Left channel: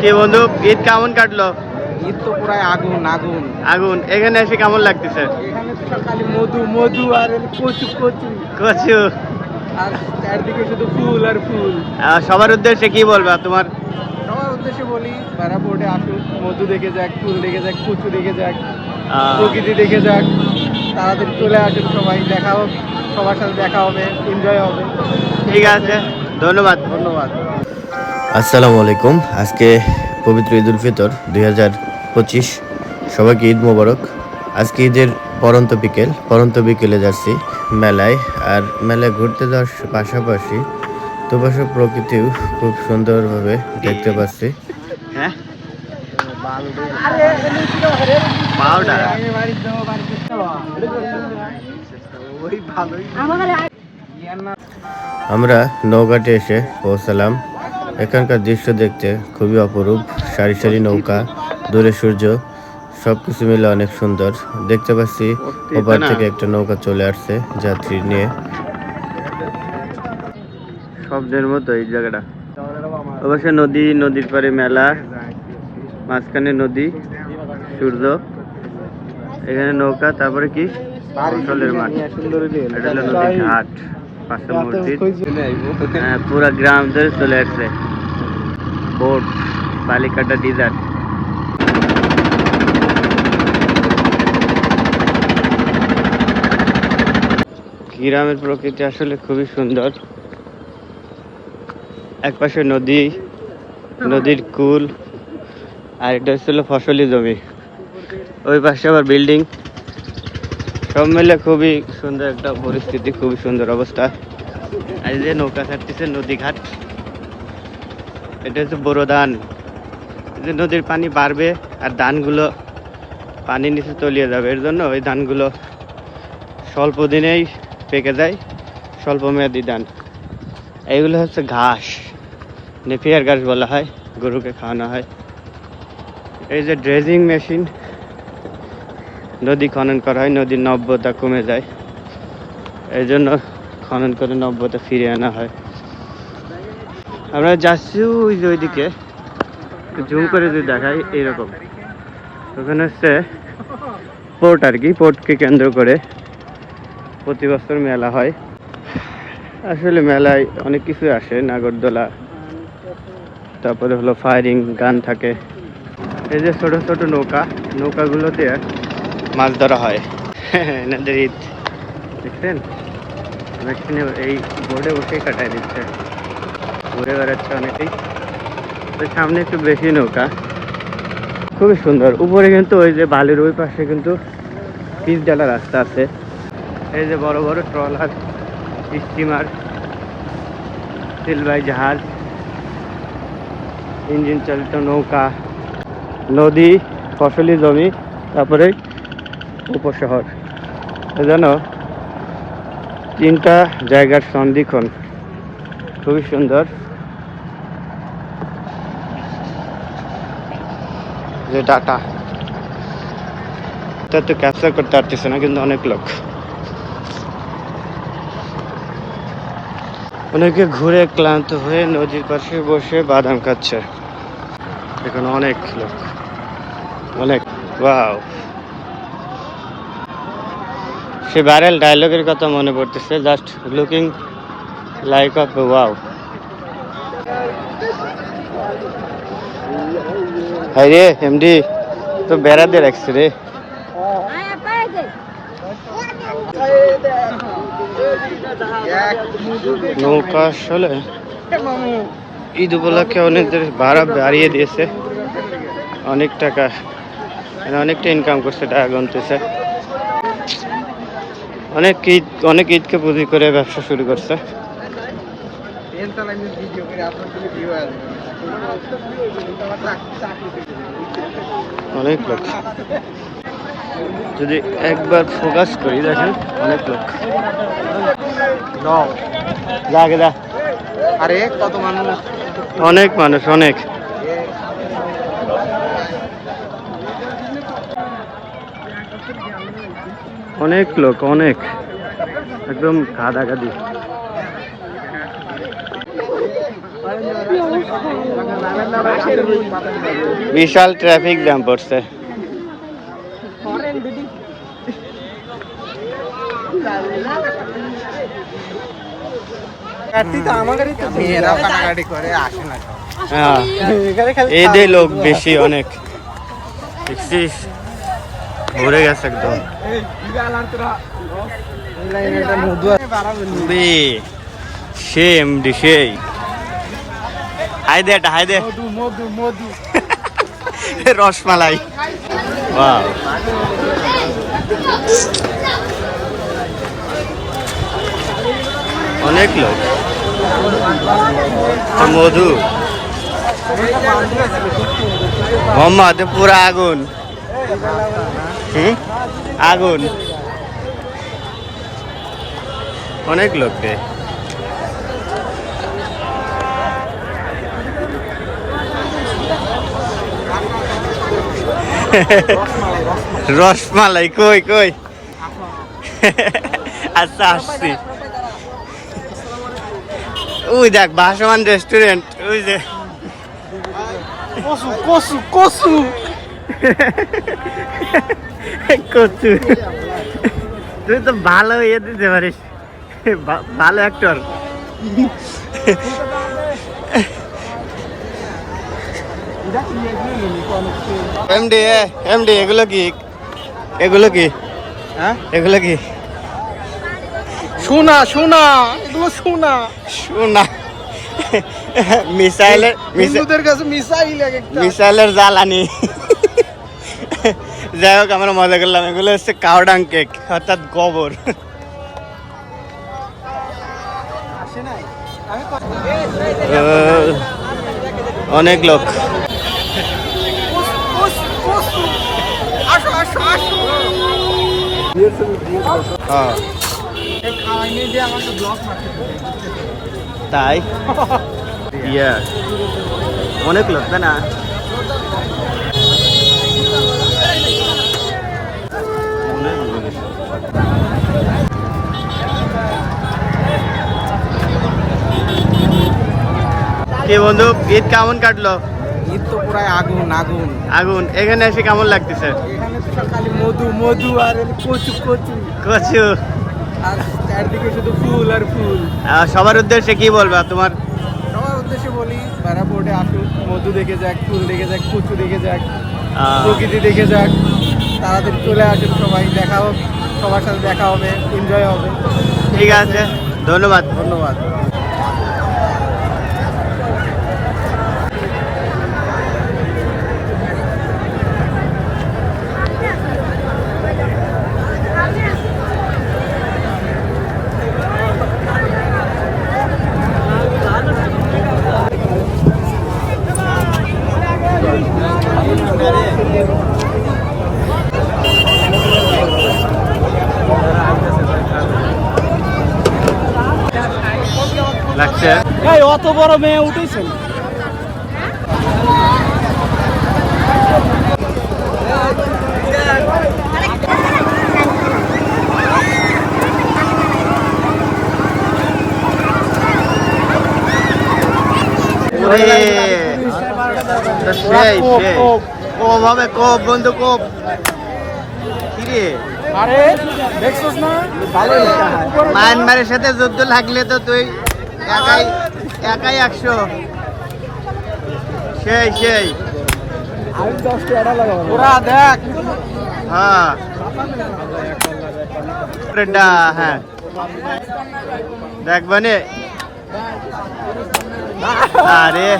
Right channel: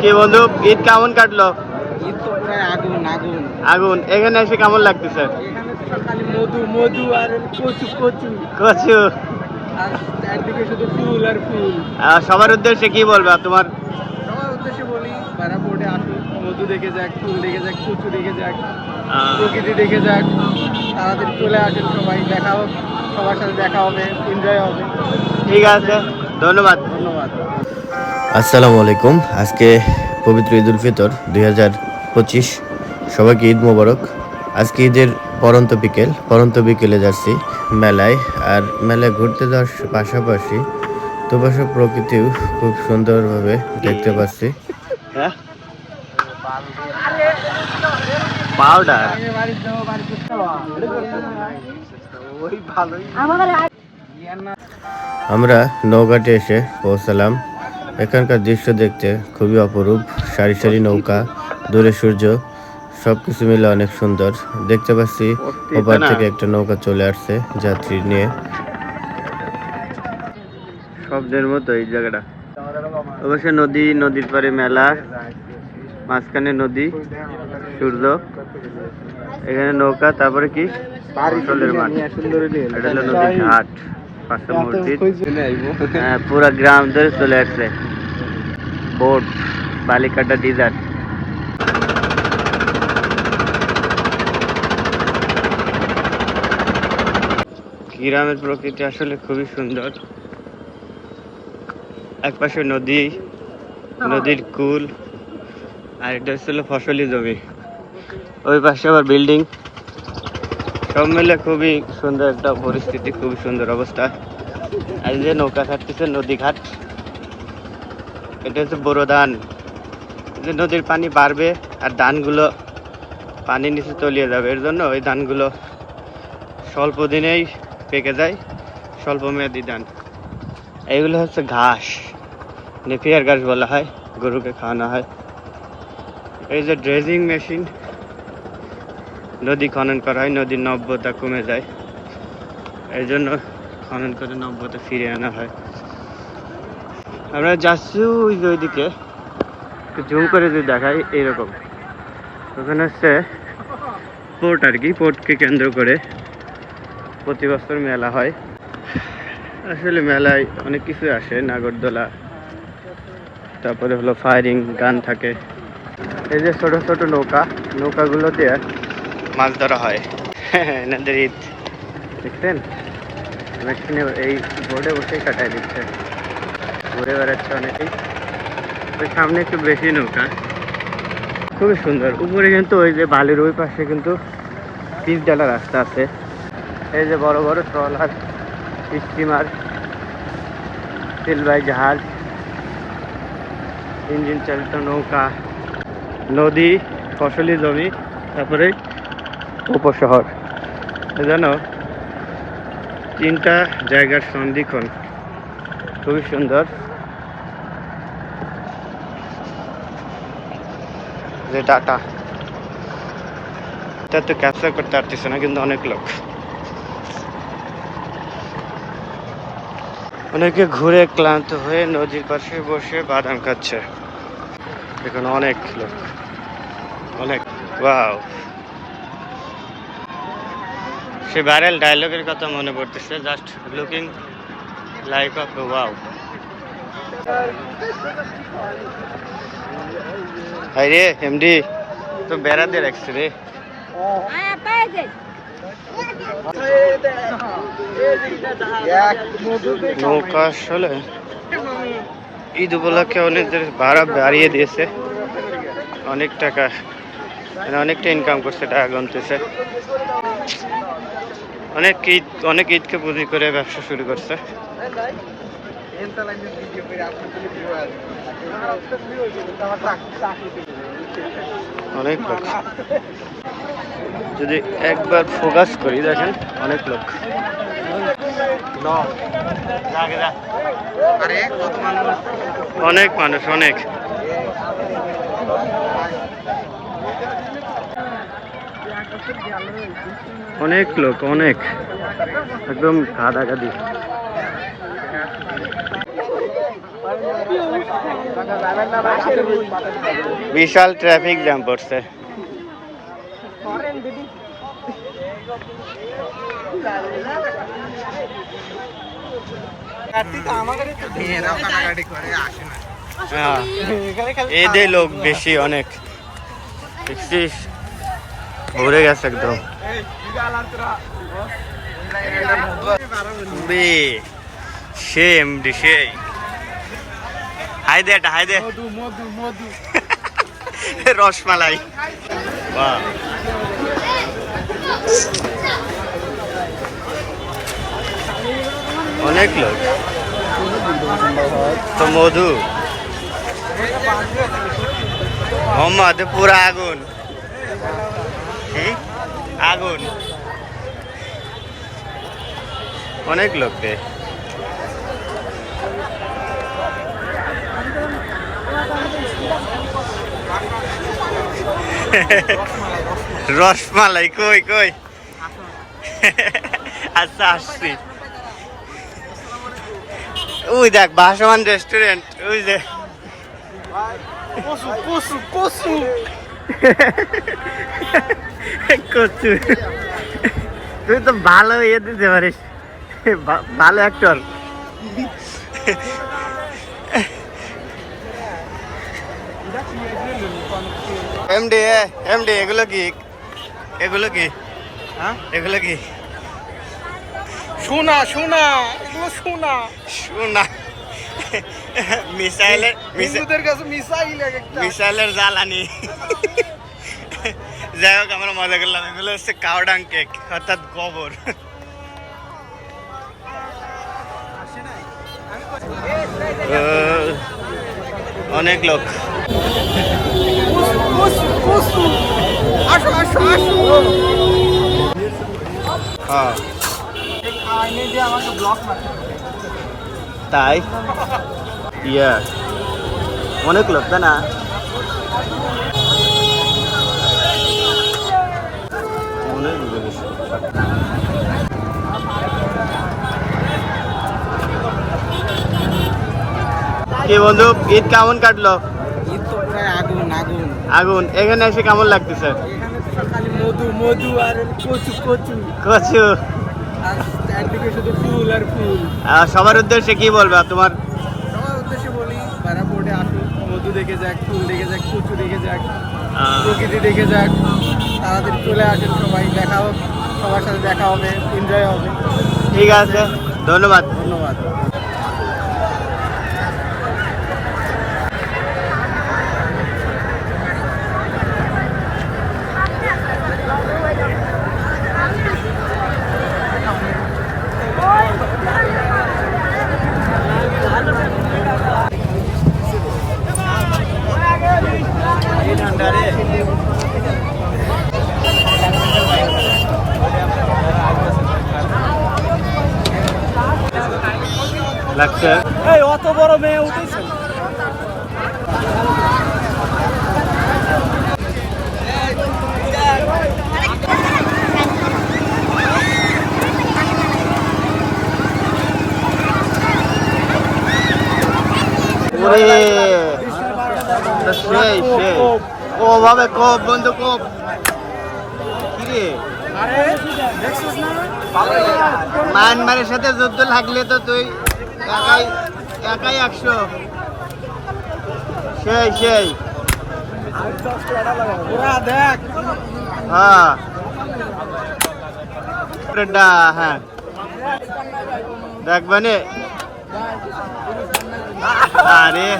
কি বন্ধু ঈদ কেমন কাটলো? ঈদ তো পুরাই আগুন আগুন। আগুন এখানে এসে কেমন লাগতেছে? এখানে তো খালি মধু মধু আর কচু কচু। কচু। আর চারদিকে শুধু ফুল আর ফুল। সবার উদ্দেশ্যে কি বলবা তোমার? সবার উদ্দেশ্যে বলি তারা বোর্ডে আসুক মধু দেখে যাক ফুল দেখে যাক কচু দেখে যাক প্রকৃতি দেখে যাক তাড়াতাড়ি চলে আসেন সবাই দেখা হোক সবার সাথে দেখা হবে এনজয় হবে। ঠিক আছে। ধন্যবাদ। ধন্যবাদ। আসসালামু আলাইকুম। আজকে পবিত্র ঈদ উল ফিতর দুই হাজার পঁচিশ। সবাইকে ঈদ মোবারক। আজকে ঈদের পরন্ত বিকেল। পরন্ত বিকেলে যাচ্ছি মেলায়। আর মেলায় ঘুরতে যাওয়ার পাশাপাশি দুপাশে প্রকৃতিও খুব সুন্দরভাবে দেখতে পাচ্ছি। হ্যাঁ? পাউডার? ওই ভালোই। আমরা নৌকাটে এসে পৌঁছালাম। এখানকার দৃশ্য দেখতে খুবই অপরূপ। সারি সারি নৌকা দূরে সূর্য সব কিছু মিলে অনেক সুন্দর। দেখতে পাচ্ছি ওপার থেকে একটা নৌকা চলে আসছে যাত্রী নিয়ে। শব্দের মতো এই জায়গাটা। অবশ্য নদী নদীর পারে মেলা মাঝখানে নদী সূর্য। এখানে নৌকা তারপরে কি? ফসলের মাঠ। এটা হলো নদীর ঘাট। পাশে মসজিদ। হ্যাঁ, পুরা গ্রাম ধরে চলে আসছে বোট বালিকাটা ডিজার গ্রামের প্রকৃতি আসলে খুবই সুন্দর। একপাশে নদী নদীর কুল আর এটা হচ্ছিল ফসলি জমি। ওই পাশে আবার বিল্ডিং সব মিলে খুবই সুন্দর একটা পরিস্থিতি, খুবই সুন্দর অবস্থা। এই যে নৌকা ছাড়তেছে, নদী ঘাট। এটা হচ্ছে বড় ধান। যে নদীর পানি বাড়বে আর ধানগুলো পানির নিচে তলিয়ে যাবে। এর জন্য ওই ধানগুলো স্বল্প দিনেই পেকে যায়, স্বল্প মেয়াদি ধান। এইগুলো হচ্ছে ঘাস। নেপিয়ার ঘাস বলা হয়, গরুকে খাওয়ানো হয়। এই যে ড্রেজিং মেশিন নদী খনন করা হয়, নদীর নব্যতা কমে যায়। এই জন্য খনন করে নব্যতা ফিরিয়ে আনা হয়। আমরা যাচ্ছি ওই যে ওইদিকে। জুম করে যদি দেখাই, এইরকম। ওখানে হচ্ছে পোর্ট আর কি পোর্টকে কেন্দ্র করে প্রতি বছর মেলা হয়। আসলে মেলায় অনেক কিছু আসে, নাগরদোলা, তারপরে হলো ফায়ারিং গান থাকে। এই যে ছোট ছোট নৌকা, নৌকাগুলোতে মাছ ধরা হয়। এনাদের ঈদ। দেখছেন? অনেকখানি এই বোর্ডে বসেই কাটায় দিচ্ছে ঘুরে বেড়াচ্ছে অনেকেই। তো সামনে একটু বেশি নৌকা। খুবই সুন্দর। উপরে কিন্তু ওই যে বালির ওই পাশে কিন্তু পিচ ডালা রাস্তা আছে। এই যে বড় বড় ট্রলার, স্টিমার, সিলভাই জাহাজ, ইঞ্জিন চালিত নৌকা, নদী, ফসলি জমি, তারপরে উপশহর। যেন তিনটা জায়গার সন্ধিক্ষণ খুবই সুন্দর। যে ডাটা, এটা তো ক্যাপচার করতে পারতেছে না, কিন্তু অনেক লোক। অনেকে ঘুরে ক্লান্ত হয়ে নদীর পাশে বসে বাদাম খাচ্ছে। এখানে অনেক লোক। অনেক, ওয়াও। সে ভাইরাল ডায়লগের কথা মনে পড়তেছে just looking like of the wow high রে এমডি তো বেড়াতে রাখছে রে। নৌকা আসলে ঈদ উপলক্ষে অনেকদের ভাড়া বাড়িয়ে দিয়েছে। অনেক টাকা মানে অনেকটা ইনকাম করছে টাকা গনতেছে। অনেক ঈদ, অনেক ঈদকে পুঁজি করে ব্যবসা শুরু করছে। অনেক লোক। যদি একবার ফোকাস করি, দেখেন, অনেক লোক। কত মানুষ অনেক মানুষ, অনেক। অনেক লোক অনেক। একদম গাদাগাদি বিশাল ট্রাফিক জ্যাম পড়ছে। হ্যাঁ এদের লোক বেশি অনেক। ভরে গেছে একদম। বে সে এমডি সেই হাই দে এটা হাই দে। রসমালাই। ওয়াও। অনেক লোক। তো মধু। মোহাম্মদ পুরা আগুন। হুম? আগুন। অনেক লোক রে। রসমালাই কই কই? আচ্ছা আসছি। ওই দেখ ভাসমান রেস্টুরেন্ট ওই যে। কসু কসু কসু। কচু তুই তো ভালো ইয়ে দিতে পারিস। ভালো অ্যাক্টর এমডি এমডি এগুলো কি? এগুলো কি? হ্যাঁ? এগুলো কি? সোনা সোনা এগুলো সোনা শোনা। মিসাইলের মিসা- হিন্দুদের কাছে মিসাইল মিসাইলের জ্বালানি। যাই হোক, আমরা মজা করলাম। এগুলো হচ্ছে কাওডাং কেক, অর্থাৎ গোবর। অনেক লোক। হ্যাঁ। তাই? ইয়া অনেক লোক, তাই না অনেক লোক এসেছে। কি বন্ধু? ঈদ কেমন কাটলো? ঈদ তো পুরাই আগুন আগুন। আগুন। এখানে এসে কেমন লাগতেছে? এখানে তো খালি মধু মধু আর কচু কচু। কচু। আর চারদিকে শুধু ফুল আর ফুল। আহ, সবার উদ্দেশ্যে কি বলবা তোমার? সবার উদ্দেশ্যে বলি বাইরা বোর্ডে আসুক মধু দেখে যাক ফুল দেখে যাক কচু দেখে যাক প্রকৃতি দেখে যাক তাড়াতাড়ি চলে আসেন সবাই দেখা হোক সবার সাথে দেখা হবে এনজয় হবে। ঠিক আছে ধন্যবাদ। ধন্যবাদ। লাগছে। এই অত বড় মেয়ে উঠেছেন ওরে। তো সেই সেই ও ভাবে কোপ বন্ধু কোপ। কিরে? আরে দেখছিস না? মায়ানমারের সাথে যুদ্ধ লাগলে তো তুই একাই একাই একশো। সেই সেই। ওরা দেখ। হ্যাঁ। হ্যাঁ। দেখবানে আরে।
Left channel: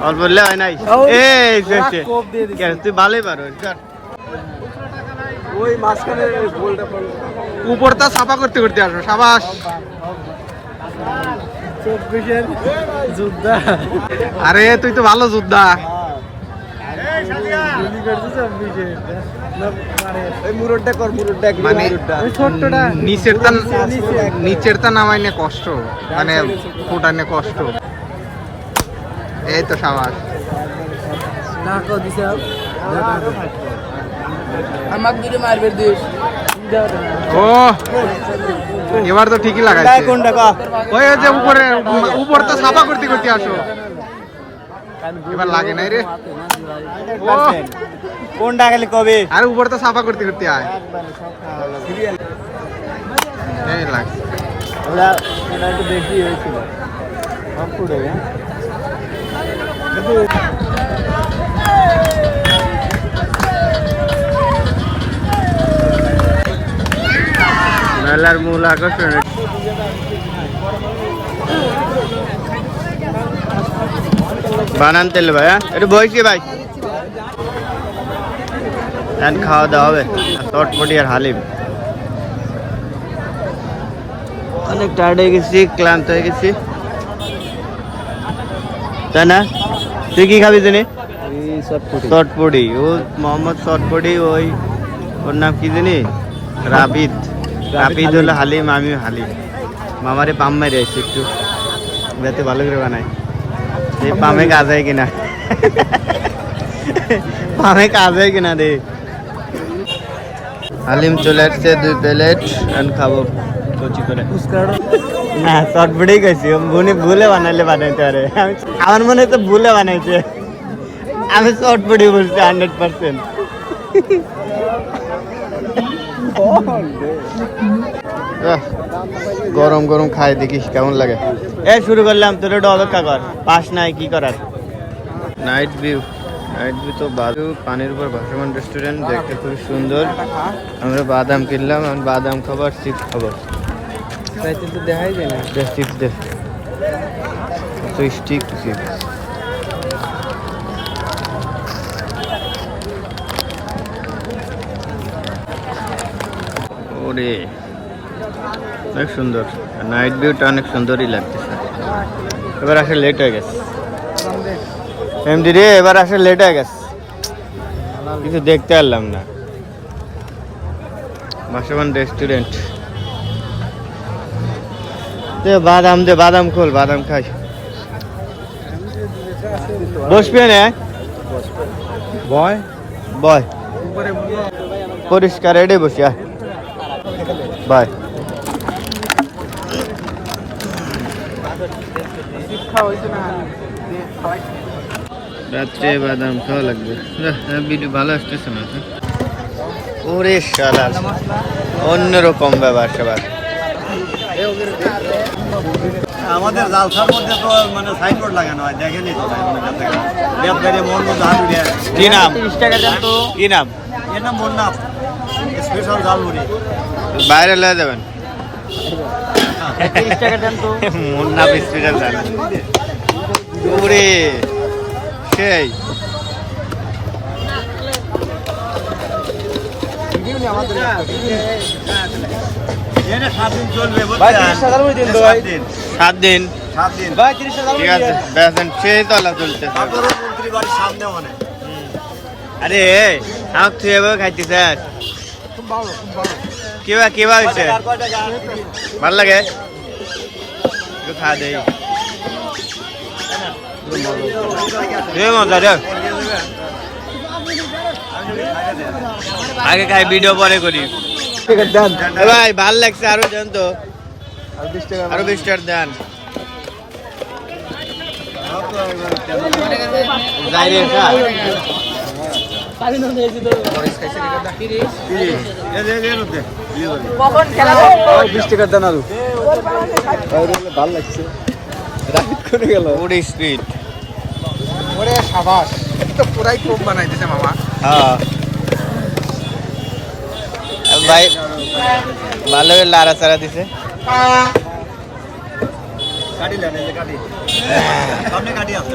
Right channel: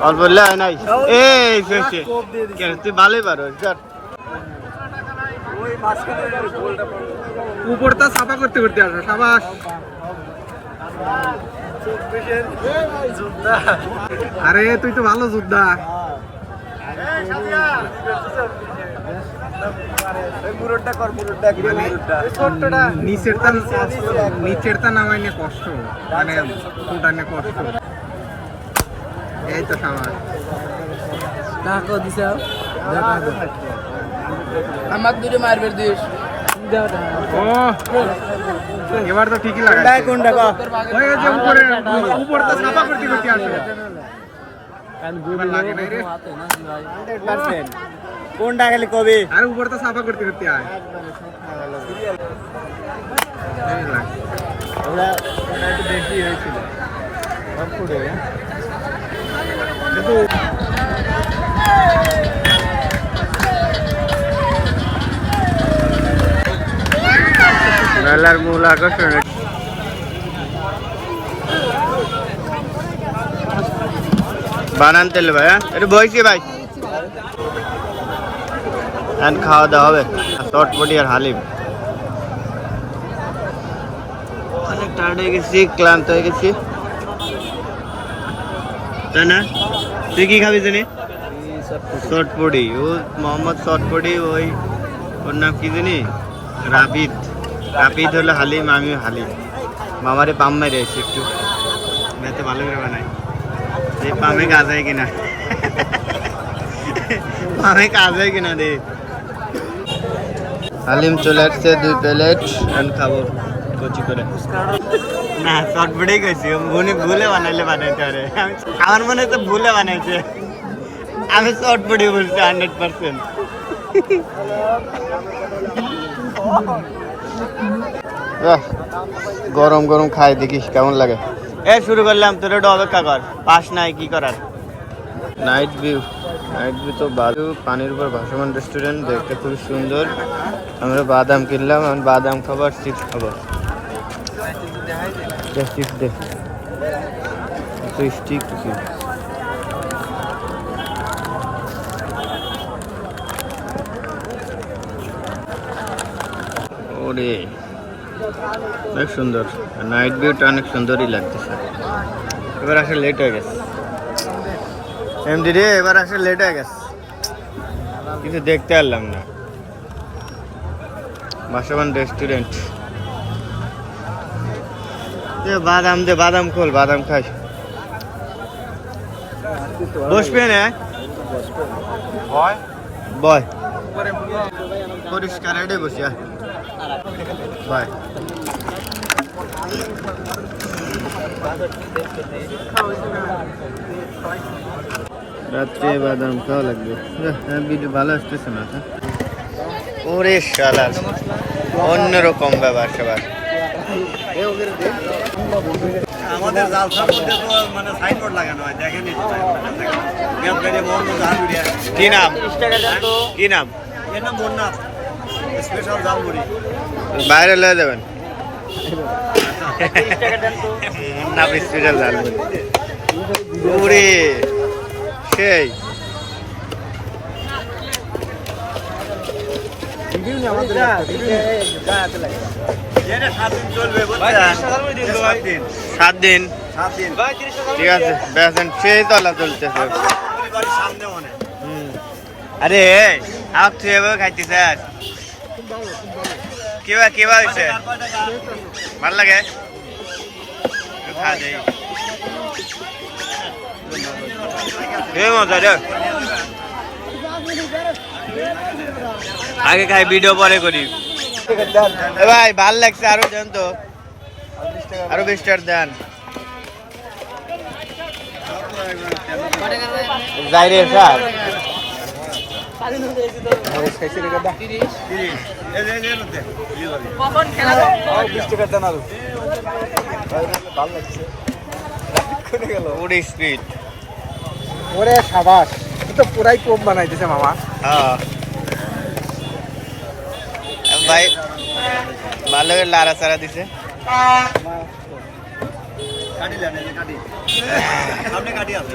অল্প বললে হয় নাই। এই তুই ভালোই পারো উপরটা সাফা করতে করতে আসো সাবাস। আরে তুই তো ভালো যোদ্ধা। মানে নিচের তা নিচের তা নামাই নিয়ে কষ্ট মানে ফুটানে কষ্ট। এই তো সাবাস। আমাক দূরে মারবে দিস ও এবার তো ঠিকই লাগাই কোনটা কো? ওই যে উপরে উপর তো সাফা করতে করতে আসো। এবার লাগে নাই রে। কোনটা খালি কবি? আর উপর তো সাফা করতে করতে আয়। এই লাগ। ওরা ওরা একটু বেশি হয়েছিল। সব হ্যাঁ মেলার মূল আকর্ষণ বানান তেল ভাই হ্যাঁ? একটু বইছি ভাই। এখন খাওয়া দাওয়া হবে চটপটি আর হালিম। অনেক টায়ার্ড হয়ে গেছি ক্লান্ত হয়ে গেছি। তাই না? তুই কি খাবি জানি? চটপটি ও মোহাম্মদ চটপটি ওই ওর নাম কি জানি? রাবিদ। রাবিদ হলো হালিম আমি হালিম। মামারে পাম মেরে এসে একটু। যাতে ভালো করে বানাই এই পামে কাজ হয় কিনা? পামে কাজ হয় কিনা রে? হালিম চলে আসছে দুই প্লেট এখন খাব। কচি করে। না চটপটেই কইছি ভুলে ভুলে বানাইলে বানাইতে পারে। আমি- আমার মনে তো ভুলে বানাইছে। আমি চটপটি বলছি হান্ড্রেড পার্সেন্ট গরম গরম খাই দেখিস কেমন লাগে। এ শুরু করলাম তোর ওটা অপেক্ষা কর। পাস নাই কি করার? নাইট ভিউ নাইট ভিউ তো বাজু পানির উপর ভাসমান রেস্টুরেন্ট দেখতে খুবই সুন্দর। আমরা বাদাম কিনলাম আমি বাদাম খাবার চিপস খাব। দে চিপস দে। তো স্টিক চিপস ওরে অনেক সুন্দর। নাইট ভিউটা অনেক সুন্দরই লাগতেছে। এবার আসলে লেট হয়ে গেছে। এমডি রে এবার আসলে লেট হয়ে গেছে। কিছু দেখতে পারলাম না। বাসবান রেস্টুরেন্ট এ বাদাম দে বাদাম খোল বাদাম খাই। বসবে না বয়। বয়। পরিষ্কার এডে বসিয়া বাই। রাত্রে বাদাম খাওয়া লাগবে। ভিডিও ভালো আসতেছে না তো ওরে শালা অন্যরকম ব্যাপার সবার। আমাদের জালসার মধ্যে তো মানে সাইনবোর্ড লাগানো হয় দেখেনি মন কি নাম? কি নাম? এর নাম বন্যা স্পেশাল জালমুড়ি বাইরে লয়ে যাবেন। মুন্না হসপিটাল জানবেন ওরে সেই। সাত দিন। ঠিক আছে বেসেন সেই তলা চলতেছে। আরে আমার তুই খাইতে স্যার কিবা কিবা হয়েছে ভালো লাগে? দেই মজা রে আগে খাই ভিডিও পরে করি। ভাই, ভালো লাগছে আরও দেন তো আরও বিশ টাকার দেন। যাই রে স্যার ওরে স্পিড ওরে সাবাস তো পুরাই কোপ বানাইতেছে মামা। হ্যাঁ। ভাই ভালো লাড়া চাড়া দিছে কাটি দেন কাটি। সামনে কাটি আছে?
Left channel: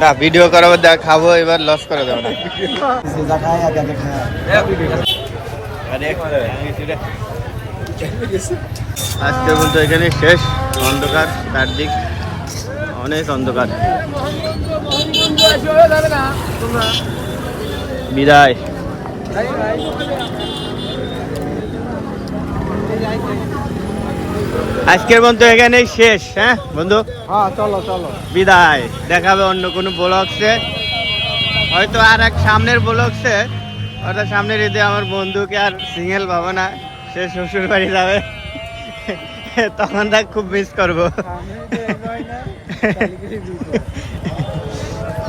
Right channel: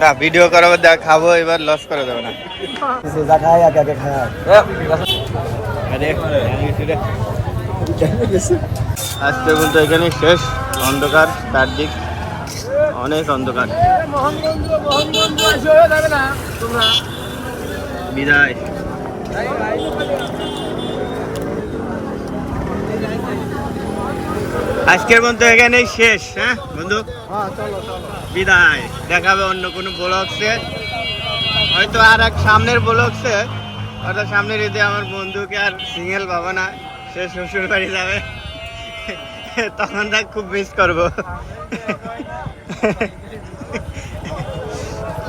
না ভিডিও করাবার দেখা খাব, এবার লস করে দেবো না। আজকে পর্যন্ত এখানে শেষ। অন্ধকার, চারদিক অনেক অন্ধকার। বিদায়। আজকের মতো এখানেই শেষ হ্যাঁ বন্ধু? হ্যাঁ চলো চলো। বিদায়। দেখাবে অন্য কোনো ব্লগসে। হয়তো আর এক সামনের ব্লগসে অর্থাৎ সামনের ঈদে আমার বন্ধুকে আর সিঙ্গেল পাবো না সে শ্বশুর বাড়ি যাবে। তখন তাক খুব মিস করব।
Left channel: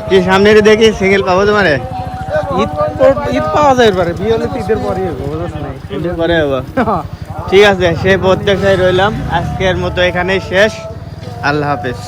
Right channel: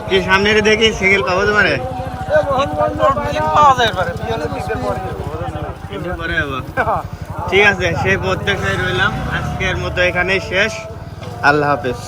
কি সামনের ঈদে কি সিঙ্গেল পাবো তোমারে? ঈদ পাওয়া যায় এবারে বিয়ে পরে ঈদের পরে হব ঠিক আছে সেই প্রত্যাশায় রইলাম। আজকের মতো এখানেই শেষ। আল্লাহ হাফেজ।